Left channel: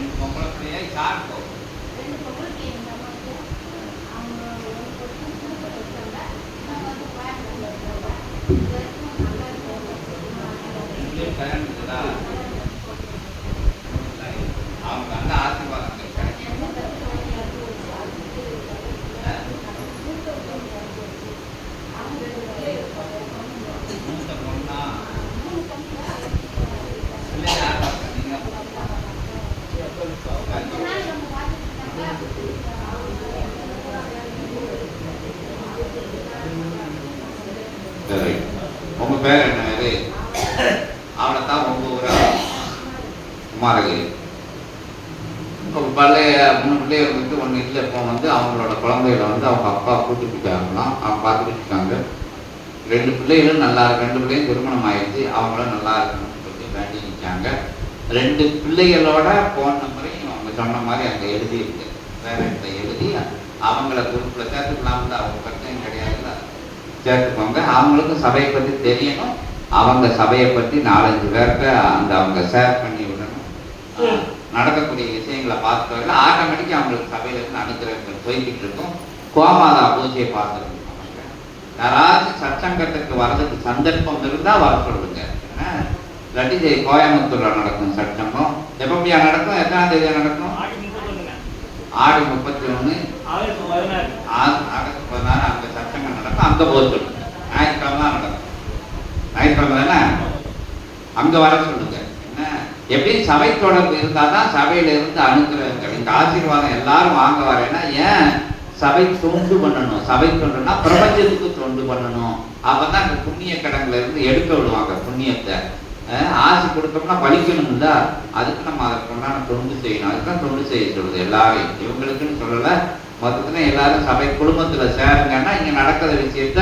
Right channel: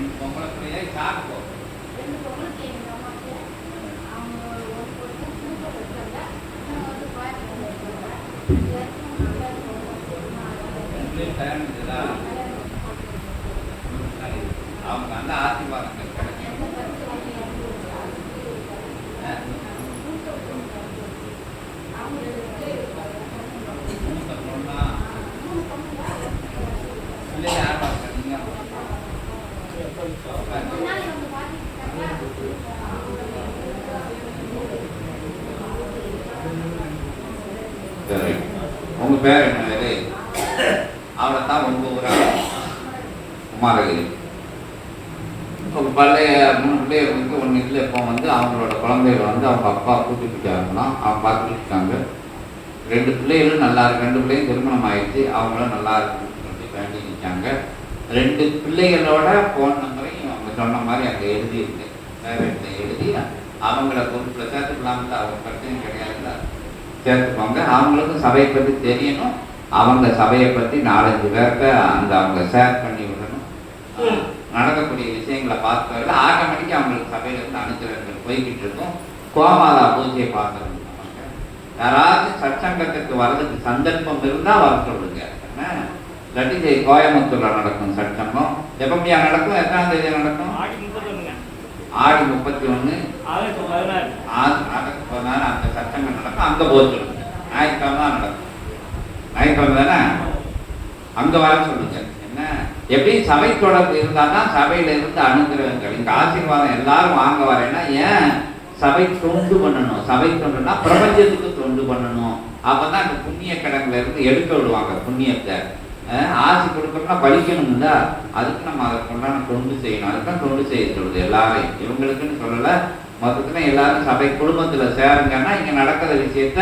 ரெண்டு பொம்பளை பிள்ளையா சாப்பிட்டு ரெண்டு பொம்பளை பிள்ளைங்க அம்மாவுக்கு அவங்க ஒரு பொண்ணு சூப்பர் வச்சாங்க இன்னும் வந்து கோயம்புத்தூர்ல இருக்காங்க இது வரைக்கும் நல்லா இருக்கும் அவங்க நல்ல ஆசீர்வாதம் உங்க பேர் என்ன? அவனைத்தான் ரொம்ப குமாரகிரி. பழைய 3 பிள்ளைகள் வந்து ஒன்று இல்லை. இப்போ வந்து அவங்களோட குழந்தைகளை வந்து அவங்க அப்பா கூட்டி போயிட்டாங்கன்னா அவங்க பார்த்துட்டு இருக்காங்க. 2 பிள்ளைகளும் நல்லா இருக்கு. 2 பிள்ளையும் திருமணம் ஆயிடுச்சு. அவங்களும் நல்லா இருக்கணும்னு சொல்லி வேண்டி நிற்காங்க. 2 பிள்ளைகளோட ஃபோன் நம்பரையும் அவங்க சொன்ன மாதிரி அங்கே எழுதி இருக்கு. வேற இடத்துல எழுதி அவங்கள குரூப்பில் சேர்த்துக்கலாம்ல. அவங்க பிரச்சனை கிடையாதுல்ல, சேர்த்துக்கோங்க. அவங்களுக்கும் சபையை பற்றி தெரியணும். அவங்க சபையை பற்றி 4-5 பேர்கிட்ட அவங்க ஷேர் பண்ணி விடணும். நடக்கக்கூடிய விஷயங்களை பார்த்து ஆட்டோமேட்டிக்காக அவங்களுக்கு சபையிலேருந்து அனுப்புறது போய்கிட்டு இருக்கும். கோமாதா பூஜையை பார்த்துருங்க. யாராச்சும் சச்சங்கத்துக்கு வர்றதுக்கு சந்தர்ப்பம் இருந்தால் வர சொல்லுங்க. ஏன்னா இல்லாட்டி கோயம்புத்தூரில் நடக்கும் சட்டமும் எப்படியா நடக்கும்? எத்தனாம் தேதி நடக்கும்? ஆடி 31 நடக்க போதுனால அங்கே சட்டங்கள் நடக்கும். அங்கே போக சொல்லுங்க. ஞாயிற்றுக்கிழமை தான் நடக்கும். ஞாயிற்றுக்கிழமை தானே அங்கே வர சொல்லுங்க. என்ன எப்படி சபை தொடர்பு இருந்தால் தான் சபையில இருந்து அனுகிரகங்கள் இங்கே ஆசீர்வாதம் எல்லாரும் வாங்க வரேன்னா ஏன் சபை தொண்டு பண்ணணும். சபை தொண்டுனா பிரபஞ்சத்துக்கு தொண்டு பண்ணணும். அப்பதான் அந்த புண்ணிய கடன்ல இருந்து எடுக்க விடுவாங்க புண்ணியத்தை. ஆசை கொடுக்கணும்னா பலிக்கணும்ல, அதுக்கு நம்ம அதற்கு உண்டான தொண்டு செய்யணும். அதுதான் தொண்டு செய்ய சொல்லுது எல்லாரையும். இவங்களுக்குன்னு சொல்லலை, மொத்தத்துல எல்லாரும் சபை குடும்பத்துல சேருங்கன்னா இங்க நடக்கிற விஷயத்த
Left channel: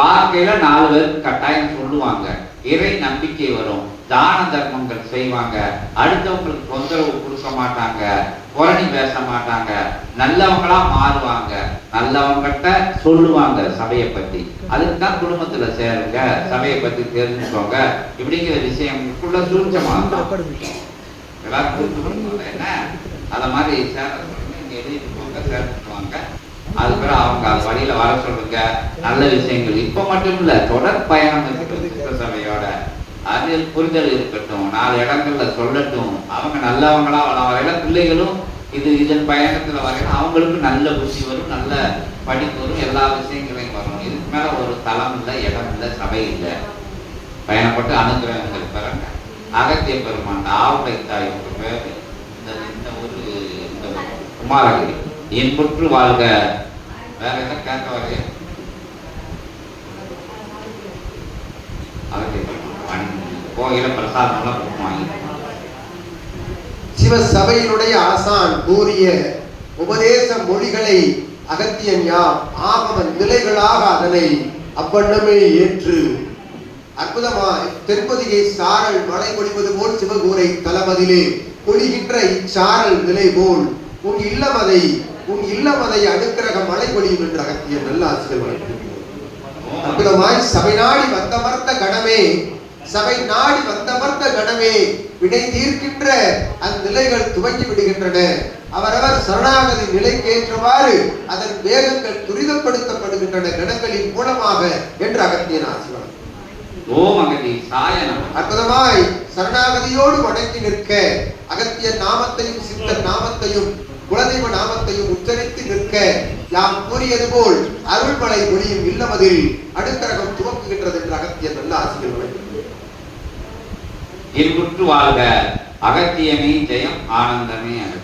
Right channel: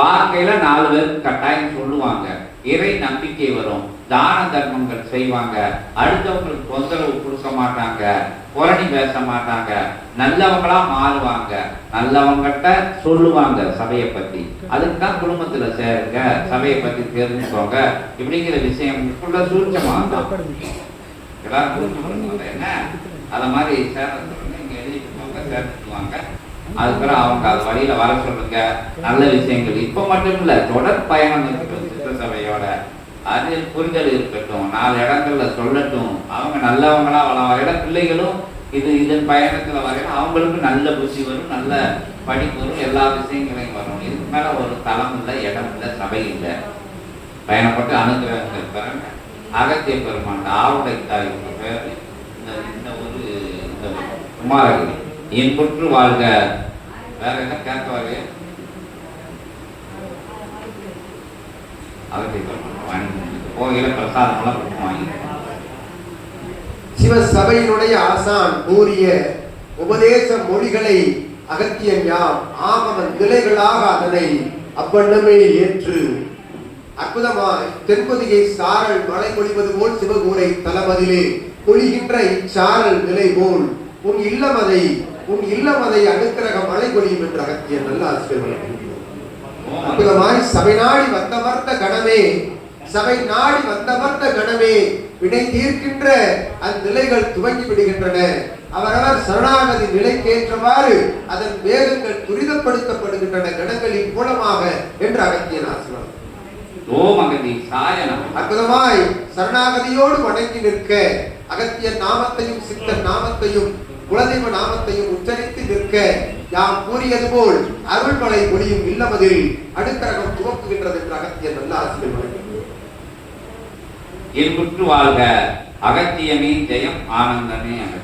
பார்க்கையில 4 பேருக்கு கட்டாயம் சொல்லுவாங்க. இறை நம்பிக்கை வரும். தான தர்மங்கள் செய்வாங்க. அடுத்தவங்களுக்கு தொந்தரவு கொடுக்க மாட்டாங்க. புரணி பேச மாட்டாங்க. நல்லவங்களா மாறுவாங்க. நல்லவங்கிட்ட சொல்லுவாங்க சபையை பத்தி. அதுக்கு தான் குடும்பத்துல சேருங்க, சபையை பத்தி தெரிஞ்சுக்கோங்க. இப்படிங்கிற விஷயங்களுக்குள்ள சூட்சமா என்ன அத மாதிரி சேர சொல்லுங்க. இங்க எழுதிட்டுவாங்க, சேர்த்துக்குவாங்க. அதுக்கப்புறம் அவங்க அது வழியில வர சொல்லுங்க. நல்ல விஷயங்கள் இப்ப மட்டும் இல்ல, தொடர் பயணம் இருக்கட்டும் சபையோட. அது புரிதல் இருக்கட்டும். 4 இடங்கள்ல சொல்லட்டும். அவங்க நல்லவங்களா வர பிள்ளைகளும் இதன் பயணத்துல வரையில அவங்களுக்கு நல்ல புத்தி வரும், நல்ல படிப்பு வரும், எல்லா விஷயங்களையும் வரும். இதுக்கு மேல ஒரு தளம் இல்லை, இடம் இல்லை, சபை இல்லை. பயணப்பட்டு அனுகிரகங்கள் பாருங்க. அகத்திய பெருமான் ஆவுடை தாய்க்கு பேர் இந்த ஒரு இந்த குமாரகிரி இன்புற்று வாழ்க. வேற என்ன கேட்க வரைய கோயில பிரசாதம்லாம் கொடுப்பாங்க. சிவசபையினுடைய ஆசான் கூறிய உபதேச மொழிகளை அகத்தியன் யாம் ஆகம நிலைகளாக அதனை அவ்வண்ணமே ஏற்று அற்புதமாய் தென்பொதிகை சாரல் மழை பொழிவது போல் சிவகூரை தலமதிலே பொழிகின்ற இச்சாரல் நிலை போல் உன் இல்லமதை அனுக்கிரக மழை பொழியும் என்று அகத்தியன் நல்ல ஆசிரியர். அற்புதமாய் சபை நாடி வந்தமர்ந்த கணமே, சபை நாடி வந்தமர்ந்த கணமே வினை தீர்க்கின்ற அந்நிலைகள் துவங்கி விடுகின்றன. அவரவர் சரணாகதி நிலைக்கேற்றவாறு அதன் வேகங்கள் துரிதப்படுத்தப்படுகின்றன கணங்களின் மூலமாக என்று அகத்தியன் ஆசிரியர். அற்புதமாய் சரணாகதியோடு வணங்கி நிற்க அகத்தியன் நாமத்தையும் சித்தன் நாமத்தையும் குலதெய்வ நாமத்தையும் உச்சரித்து நிற்க யாம் கூறியது போல் அருள்மலை ஒளியும் இல்லமதில் அடுக்கரகம் துவக்குகின்றது என்று அகத்தியன் நல்ல ஆசிரியர். வாழ்க. அகத்தியமே ஜெயம், ஆனந்தமே அகத்தியம்.